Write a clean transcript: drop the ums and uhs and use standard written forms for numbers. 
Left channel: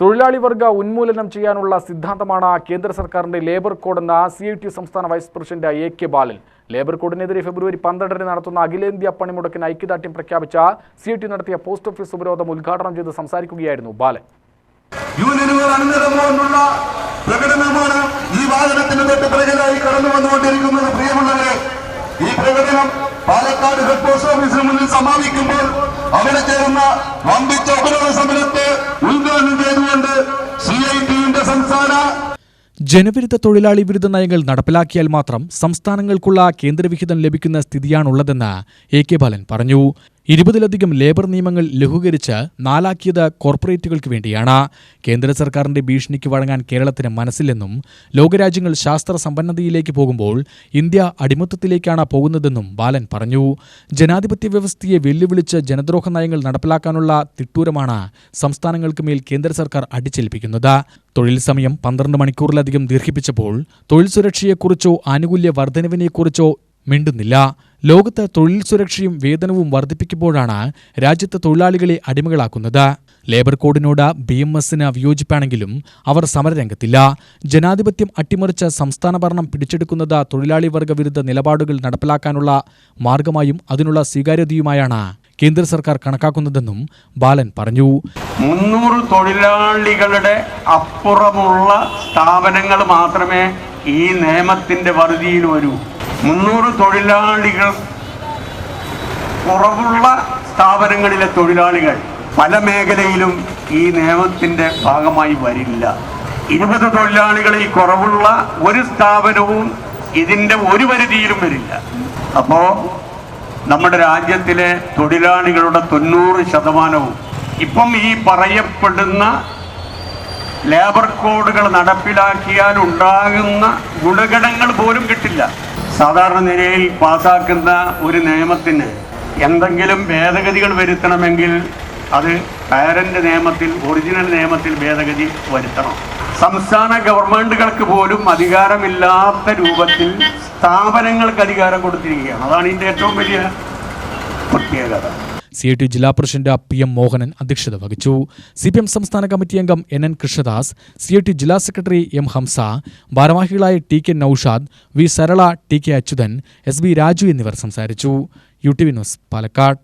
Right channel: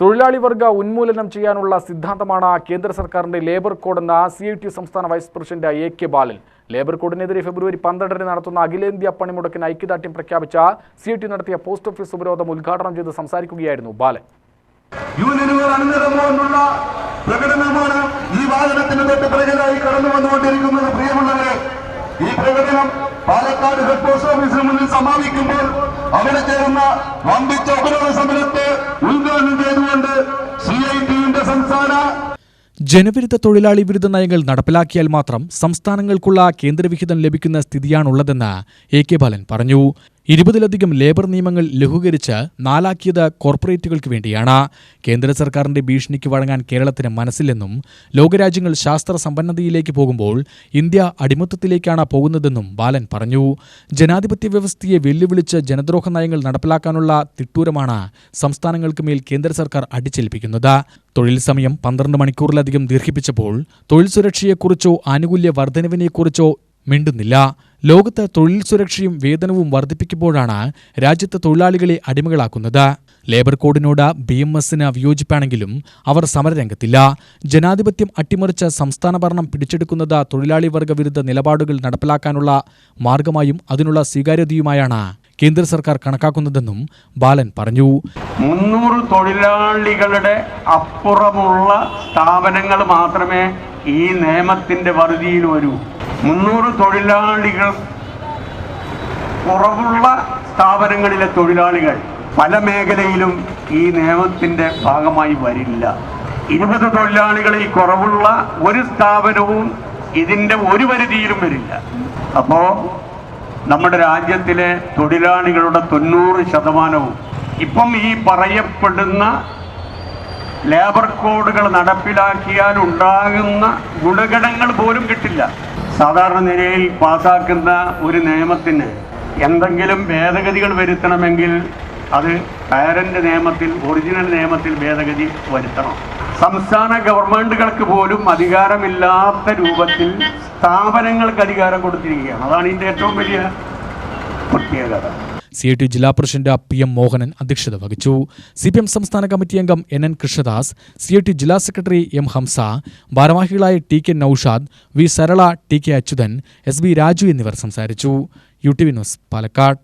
തൊഴിലാളി വർഗ ഉന്മൂലനം ചെയ്യാനുള്ള സിദ്ധാന്തമാണ് കേന്ദ്ര സർക്കാരിന്റെ ലേബർ കോഡെന്ന് CITU സംസ്ഥാന വൈസ് പ്രസിഡന്റ് AK ബാലൻ. ലേബർ കോഡിനെതിരെ ഫെബ്രുവരി 12 നടത്തുന്ന അഖിലേന്ത്യാ പണിമുടക്കിന് ഐക്യദാർഢ്യം പ്രഖ്യാപിച്ച CITU നടത്തിയ പോസ്റ്റ് ഓഫീസ് ഉപരോധം ഉദ്ഘാടനം ചെയ്ത് സംസാരിക്കുകയായിരുന്നു ബാലൻ. പ്രകടനമാണ് ഈ വാദനത്തിന് തൊട്ട് പിറകിലായി കടന്നു വന്നുകൊണ്ടിരിക്കുന്നത്. പ്രിയമുള്ളവരെ, ഈ പ്രകടനം പാലക്കാട് ഹെഡ് പോസ്റ്റ് ഓഫീസിന് മുന്നിൽ സമാപിക്കുമ്പോൾ അവിടെ ചേർന്ന വമ്പിച്ച ഉപരോധ സമരത്തെ ഉദ്ഘാടനം ചെയ്തുകൊണ്ട് CITUവിന്റെ സംസ്ഥാന ജനവിരുദ്ധ തൊഴിലാളി വിരുദ്ധ നയങ്ങൾ നടപ്പിലാക്കിയാൽ മാത്രം സംസ്ഥാനങ്ങൾക്കുള്ള കേന്ദ്രവിഹിതം ലഭിക്കുന്ന സ്ഥിതിയാണുള്ളതെന്ന് AK ബാലൻ പറഞ്ഞു. 20-ലധികം ലേബർ നിയമങ്ങൾ ലഘൂകരിച്ച് 4 കോർപ്പറേറ്റുകൾക്ക് വേണ്ടിയാണ്. കേന്ദ്ര സർക്കാരിന്റെ ഭീഷണിക്ക് വഴങ്ങാൻ കേരളത്തിന് മനസ്സില്ലെന്നും ലോകരാജ്യങ്ങൾ ശാസ്ത്ര സമ്പന്നതയിലേക്ക് പോകുമ്പോൾ ഇന്ത്യ അടിമത്തത്തിലേക്കാണ് പോകുന്നതെന്നും ബാലൻ പറഞ്ഞു. ജനാധിപത്യ വ്യവസ്ഥയെ വെല്ലുവിളിച്ച് ജനദ്രോഹ നയങ്ങൾ നടപ്പിലാക്കാനുള്ള തിട്ടൂരമാണ് സംസ്ഥാനങ്ങൾക്ക് മേൽ കേന്ദ്ര സർക്കാർ അടിച്ചേൽപ്പിക്കുന്നത്. തൊഴിൽ സമയം 12 മണിക്കൂറിലധികം ദീർഘിപ്പിച്ചപ്പോൾ തൊഴിൽ സുരക്ഷയെക്കുറിച്ചോ ആനുകൂല്യ വർധനവിനെക്കുറിച്ചോ മിണ്ടുന്നില്ല. ലോകത്ത് തൊഴിൽ സുരക്ഷയും വേതനവും വർദ്ധിപ്പിക്കുമ്പോഴാണ് രാജ്യത്തെ തൊഴിലാളികളെ അടിമകളാക്കുന്നത്. ലേബർ കോഡിനോട് BMSന് വിയോജിപ്പാണെങ്കിലും അവർ സമരരംഗത്തില്ല. ജനാധിപത്യം അട്ടിമറിച്ച് സംസ്ഥാന ഭരണം പിടിച്ചെടുക്കുന്നത് തൊഴിലാളി വർഗ വിരുദ്ധ നിലപാടുകൾ നടപ്പിലാക്കാനുള്ള മാർഗമായും അതിനുള്ള സ്വീകാര്യതയുമായാണ് കേന്ദ്ര സർക്കാർ കണക്കാക്കുന്നതെന്നും ബാലൻ പറഞ്ഞു. 300 തൊഴിലാളികളുടെ അപ്പുറമുള്ള സ്ഥാപനങ്ങൾ മാത്രമേ ഈ നിയമത്തിന്റെ പരിധിയിൽ വരൂ. 300 തൊഴിലാളികൾ കുറവുള്ള സ്ഥാപനങ്ങളിലെ തൊഴിലാളികൾ പല മേഖലയിലും ഈ നിയമത്തിന്റെ ഭാഗമായി വരില്ല. 20 തൊഴിലാളികളിൽ കുറവുള്ള ഒരു സ്ഥാപനവും ഇതിന്റെ ഒരു പരിധിയിലും വരില്ല. അപ്പോ നമ്മുടെ രാജ്യത്തിലെ തൊഴിലാളികളുടെ 90% ഇപ്പം ഈ പറയപ്പെടുന്ന ലേബർ കോഡുകൾ നടപ്പിലാക്കിയാൽ ഉണ്ടാകുന്ന ഗുണഗണങ്ങൾ പോലും കിട്ടില്ല. സാധാരണ നിലയിൽ പാസാക്കുന്ന ഒരു നിയമത്തിന് എന്തെങ്കിലും ഭേദഗതികൾ വരുത്തണമെങ്കിൽ അത് പാരന്റ് നിയമത്തിൽ, ഒറിജിനൽ നിയമത്തിൽ ഭേദഗതി വരുത്തണം. സംസ്ഥാന ഗവൺമെന്റുകൾക്ക് പോലും അധികാരമില്ലാത്ത രൂപത്തിൽ സ്ഥാപനങ്ങൾക്ക് അധികാരം കൊടുത്തിരിക്കുകയാണ്. അതാണ് ഇതിന്റെ ഏറ്റവും വലിയ പ്രത്യേകത. CITU ജില്ലാ പ്രസിഡന്റ് PM മോഹനൻ അധ്യക്ഷത വഹിച്ചു. CPM സംസ്ഥാന കമ്മിറ്റി അംഗം NN കൃഷ്ണദാസ്, CITU ജില്ലാ സെക്രട്ടറി M ഹംസ, ഭാരവാഹികളായ TK Naushad, V Sarala, TK Achuthan, SB Raju എന്നിവർ സംസാരിച്ചു. UTV news, Palakkad.